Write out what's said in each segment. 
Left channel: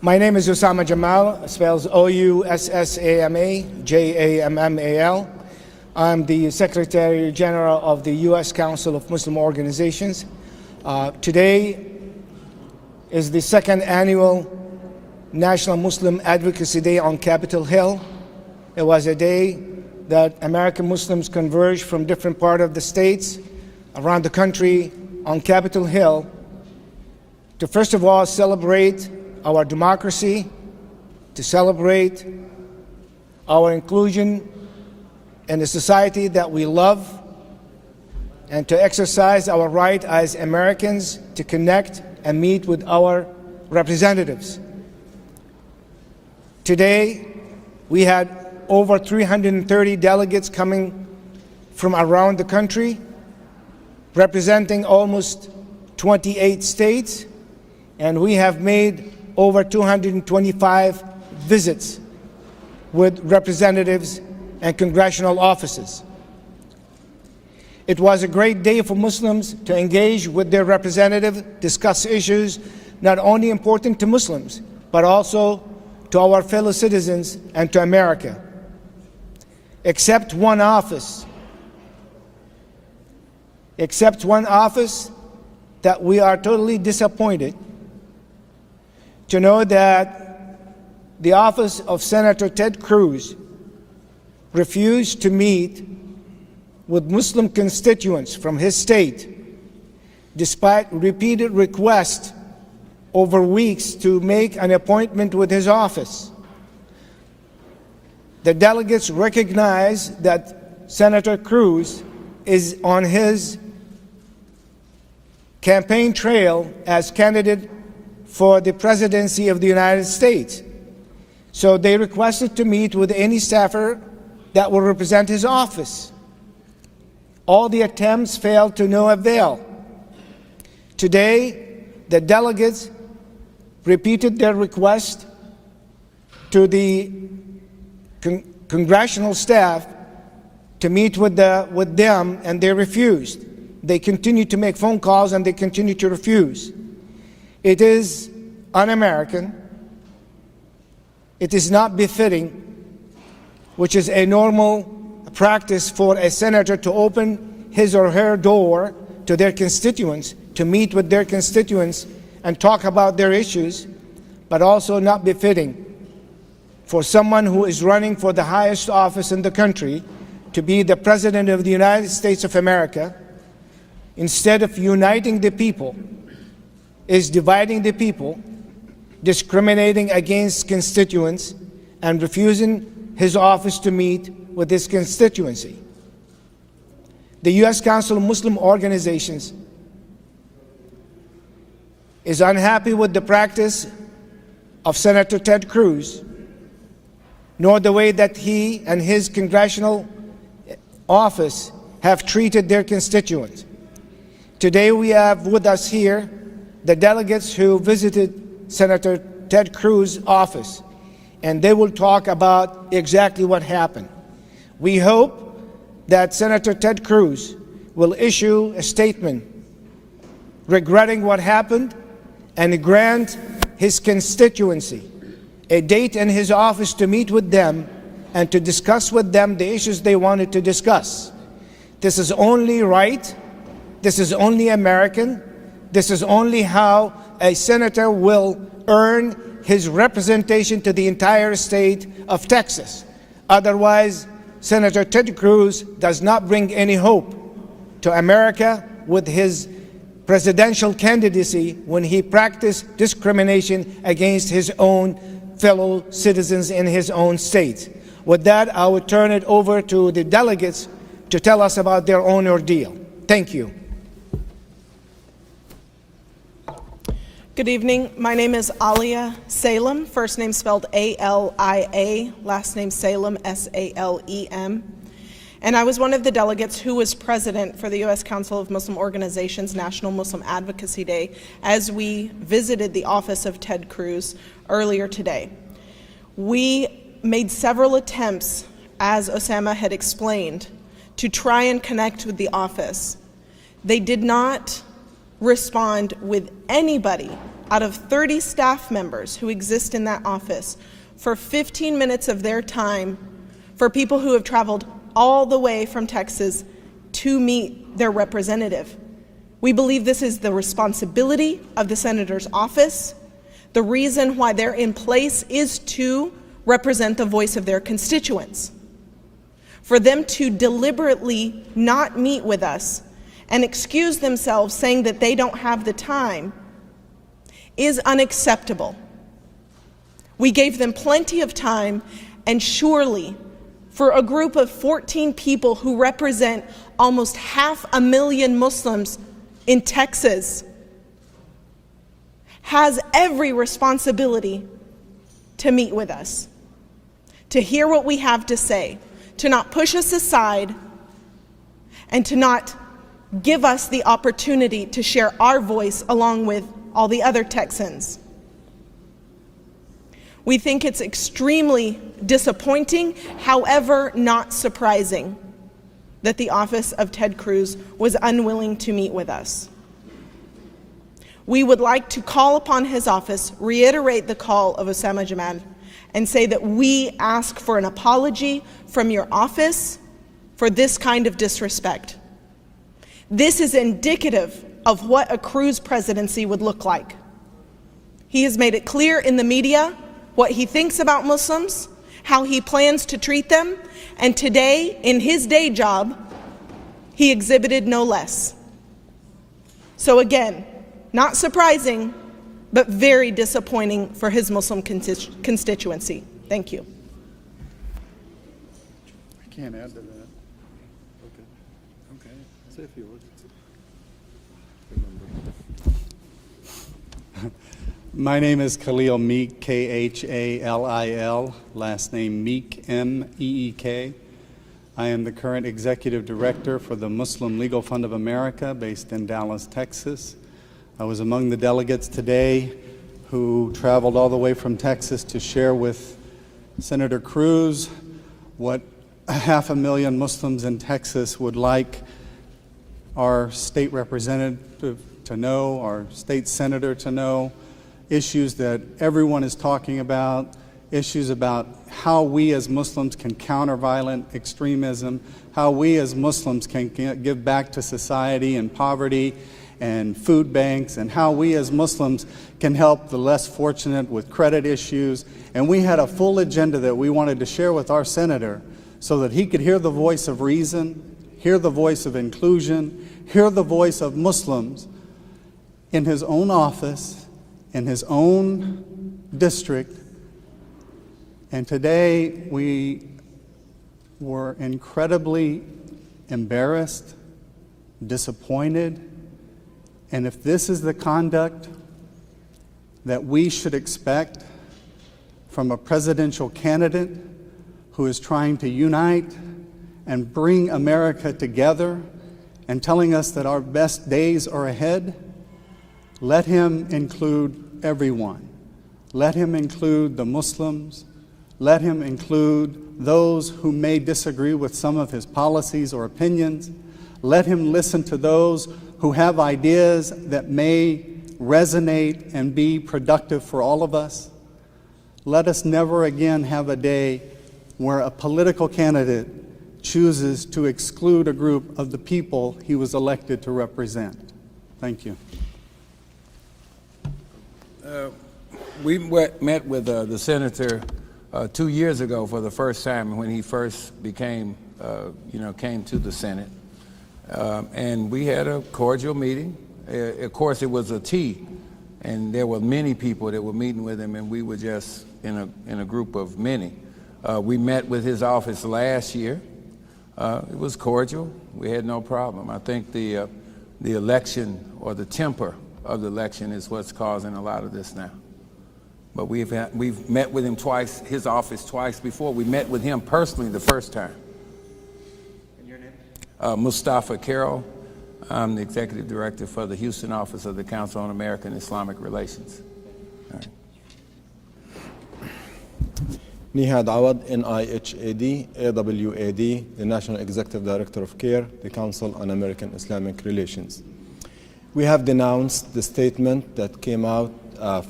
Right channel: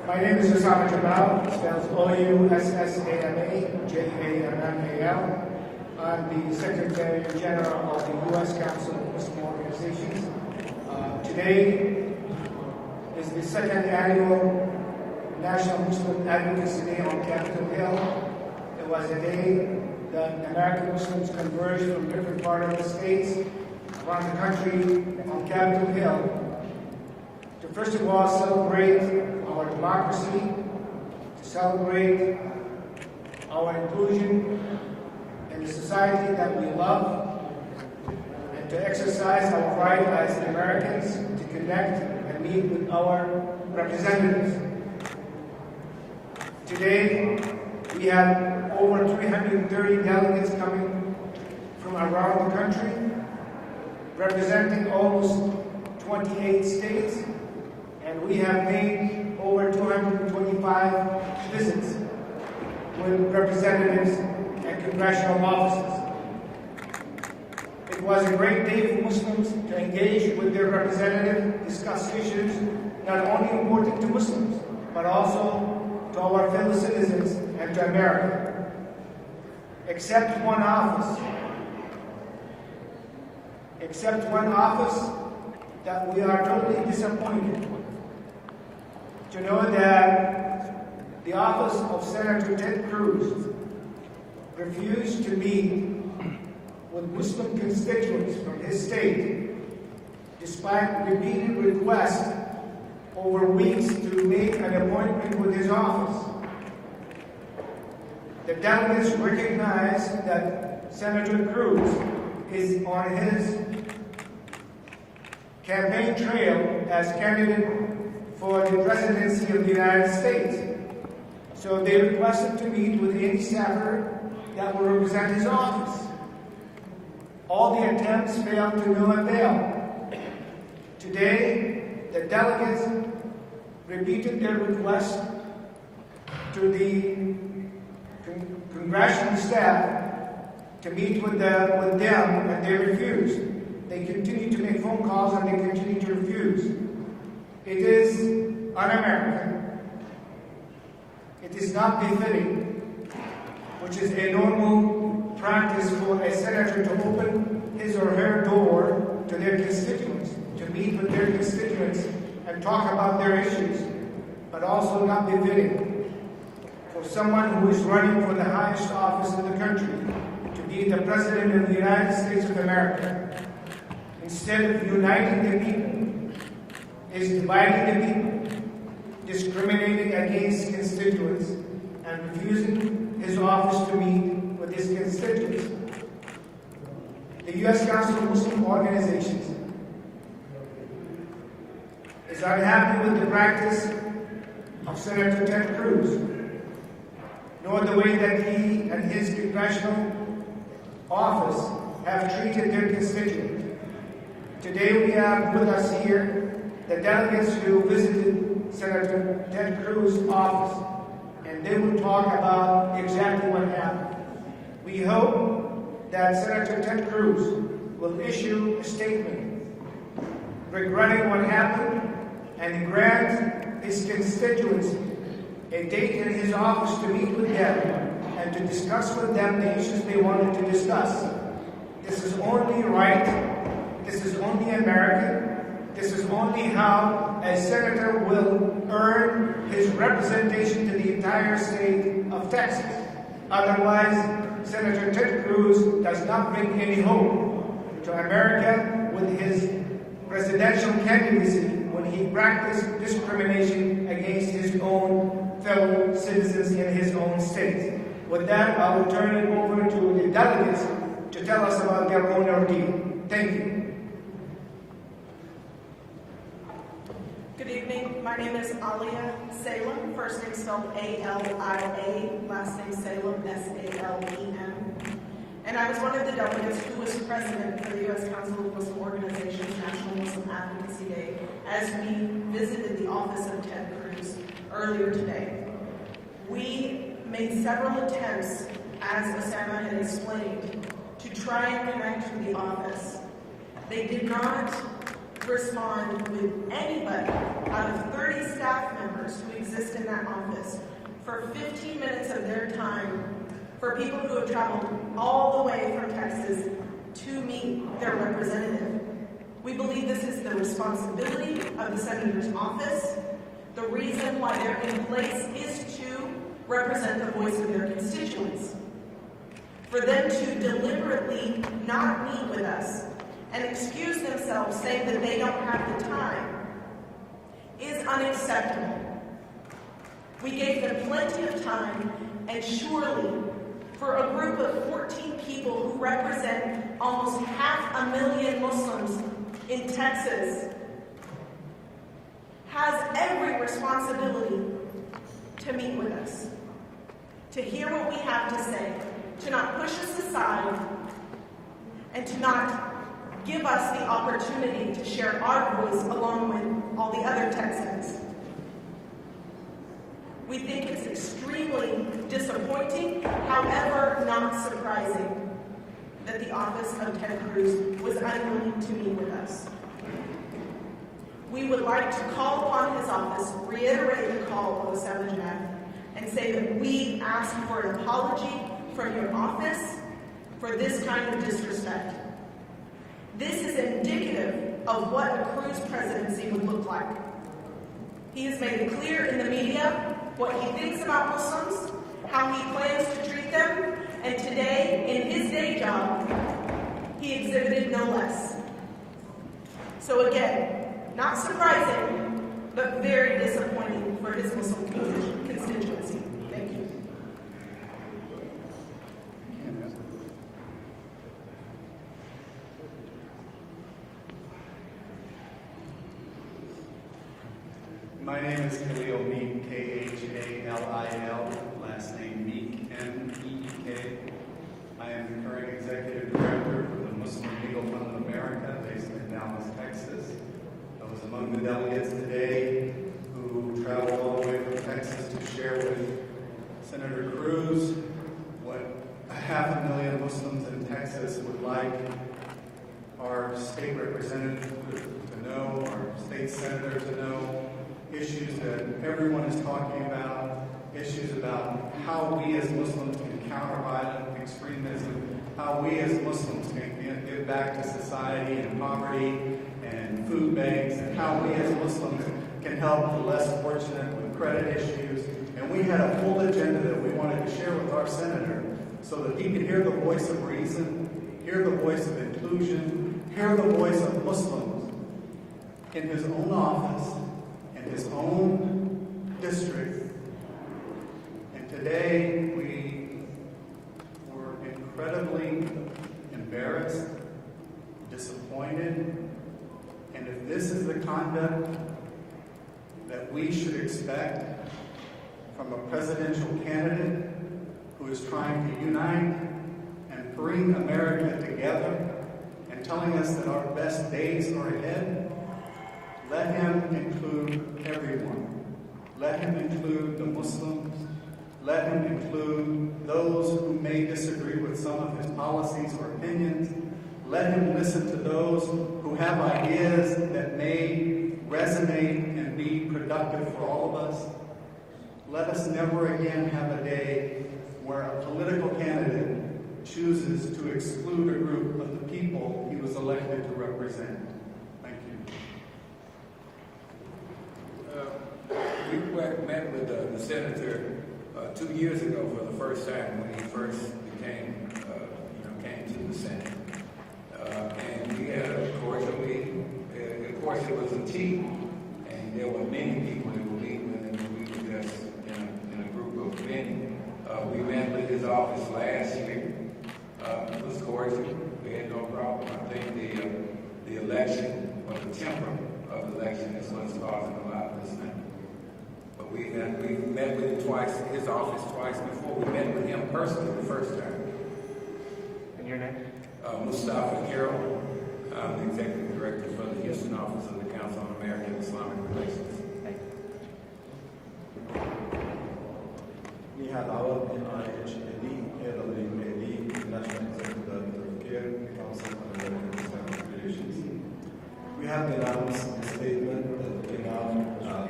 My name is Osama Jamal, spells O-U-S-S-A-M-A-J-A-M-M-A-L. I'm the Secretary General of the U.S. Council of Muslim Organizations. Today is the second annual National Muslim Advocacy Day on Capitol Hill. It was a day that American Muslims converged from different parts of the states around the country on Capitol Hill to first of all celebrate our democracy, to celebrate our inclusion in the society that we love, and to exercise our right as Americans to connect and meet with our representatives. Today, we had over 330 delegates coming from around the country, representing almost 28 states, and we have made over 225 visits with representatives and congressional offices. It was a great day for Muslims to engage with their representatives, discuss issues not only important to Muslims, but also to our fellow citizens and to America. Except one office that we are totally disappointed to know that the office of Senator Ted Cruz refused to meet with Muslim constituents from his state, despite repeated requests over weeks to make an appointment with his office. The delegates recognize that Senator Cruz is on his campaign trail as candidate for the presidency of the United States. So they requested to meet with any staffer that will represent his office. All the attempts failed to no avail. Today, the delegates repeated their request to the congressional staff to meet with them, and they refused. They continue to make phone calls and they continue to refuse. It is un-American. It is not befitting, which is a normal practice for a senator to open his or her door to their constituents, to meet with their constituents and talk about their issues, but also not befitting for someone who is running for the highest office in the country to be the President of the United States of America. Instead of uniting the people, is dividing the people, discriminating against constituents, and refusing his office to meet with his constituency. The U.S. Council of Muslim Organizations is unhappy with the practice of Senator Ted Cruz, nor the way that he and his congressional office have treated their constituents. Today we have with us here the delegates who visited Senator Ted Cruz's office, and they will talk about exactly what happened. We hope that Senator Ted Cruz will issue a statement regretting what happened and grant his constituency a date in his office to meet with them and to discuss with them the issues they wanted to discuss. This is only right. This is only American. This is only how a senator will earn his representation to the entire state of Texas. Otherwise, Senator Ted Cruz does not bring any hope to America with his presidential candidacy when he practiced discrimination against his own fellow citizens in his own state. With that, I will turn it over to the delegates to tell us about their own ordeal. Thank you. Good evening. My name is Alia Salem, first name spelled A-L-I-A, last name Salem, S-A-L-E-M. And I was one of the delegates who was president for the U.S. Council of Muslim Organizations National Muslim Advocacy Day as we visited the office of Ted Cruz earlier today. We made several attempts, as Osama had explained, to try and connect with the office. They did not respond with anybody out of 30 staff members who exist in that office for 15 minutes of their time for people who have traveled all the way from Texas to meet their representative. We believe this is the responsibility of the senator's office. The reason why they're in place is to represent the voice of their constituents. For them to deliberately not meet with us and excuse themselves saying that they don't have the time is unacceptable. We gave them plenty of time, and surely for a group of 14 people who represent almost 500,000 Muslims in Texas has every responsibility to meet with us, to hear what we have to say, to not push us aside, and to not give us the opportunity to share our voice along with all the other Texans. We think it's extremely disappointing, however not surprising, that the office of Ted Cruz was unwilling to meet with us. We would like to call upon his office, reiterate the call of Osama Jamal, and say that we ask for an apology from your office for this kind of disrespect. This is indicative of what a Cruz presidency would look like. He has made it clear in the media what he thinks about Muslims, how he plans to treat them, and today, in his day job, he exhibited no less. So again, not surprising, but very disappointing for his Muslim constituency. Thank you. I can't answer. My name is Khalil Meek, Khalil, last name Meek, M-E-E-K. I am the current executive director for the Muslim Legal Fund of America based in Dallas, Texas. I was among the delegates today who traveled all the way from Texas to share with Senator Cruz what 500,000 Muslims in Texas would like our state representative to know, our state senator to know, issues that everyone is talking about, issues about how we as Muslims can counter violent extremism, how we as Muslims can give back to society and poverty and food banks, and how we as Muslims can help the less fortunate with credit issues. And we had a full agenda that we wanted to share with our senator so that he could hear the voice of reason, hear the voice of inclusion, hear the voice of Muslims in his own office, in his own district. And today we were incredibly embarrassed, disappointed, and if this is the conduct that we should expect from a presidential candidate who is trying to unite and bring America together and telling us that our best days are ahead, let him include everyone. Let him include the Muslims. Let him include those who may disagree with some of his policies or opinions. Let him listen to those who have ideas that may resonate and be productive for all of us. Let us never again have a day where a political candidate chooses to exclude a group of the people he was elected to represent. Thank you. We met with the senator 2 years ago for the first time when he first became, came to the Senate. And we had a cordial meeting. Of course, it was a tea, and there were many people that were meeting with him, and we were just in a group of many. We met with his office last year. It was cordial. We had no problem. I think the election or the temper of the election is what's causing a lot of this now. But we've met with him twice, his office twice before. We met with him personally the first time. And your name? Mustafa Carroll. I'm the executive director for the Houston office of the Council on American Islamic Relations. Nihad Awad, N-I-H-A-D, A-W-A-D, the National Executive Director of CARE, the Council on American Islamic Relations. We have denounced the statement that came out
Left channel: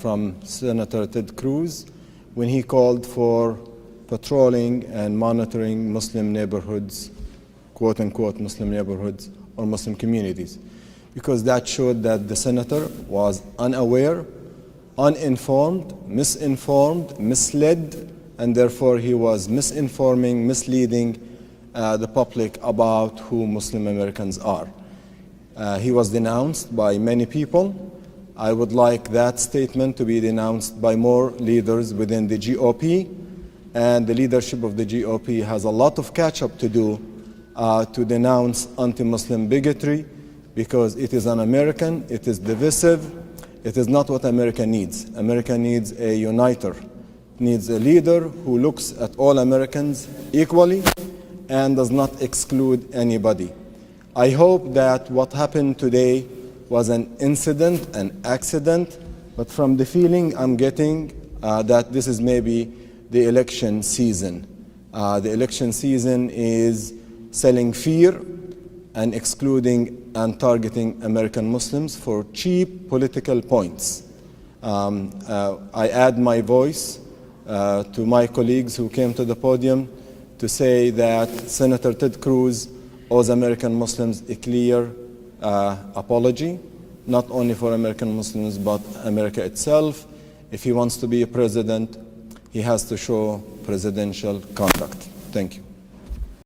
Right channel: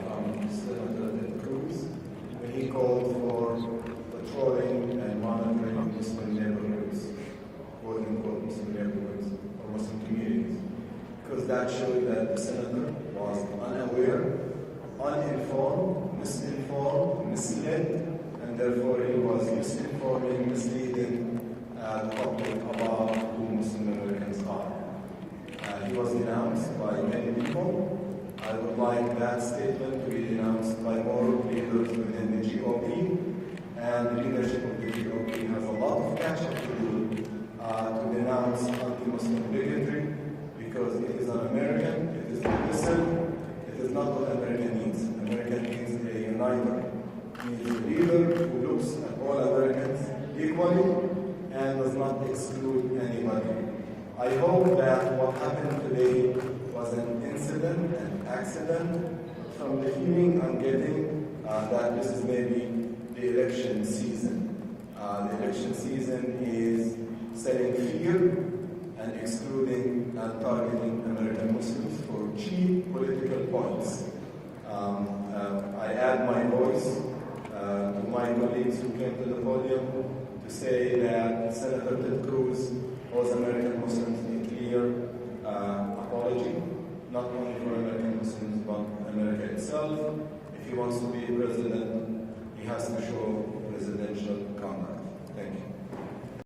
from Senator Ted Cruz when he called for patrolling and monitoring Muslim neighborhoods, quote unquote Muslim neighborhoods or Muslim communities, because that showed that the senator was unaware, uninformed, misinformed, misled, and therefore he was misinforming, misleading the public about who Muslim Americans are. He was denounced by many people. I would like that statement to be denounced by more leaders within the GOP, and the leadership of the GOP has a lot of catch-up to do to denounce anti-Muslim bigotry, because it is un-American, it is divisive, it is not what America needs. America needs a uniter, needs a leader who looks at all Americans equally and does not exclude anybody. I hope that what happened today was an incident, an accident, but from the feeling I'm getting that this is maybe the election season. The election season is selling fear and excluding and targeting American Muslims for cheap political points. I add my voice to my colleagues who came to the podium to say that Senator Ted Cruz owes American Muslims a clear apology, not only for American Muslims, but America itself. If he wants to be a president, he has to show presidential conduct. Thank you.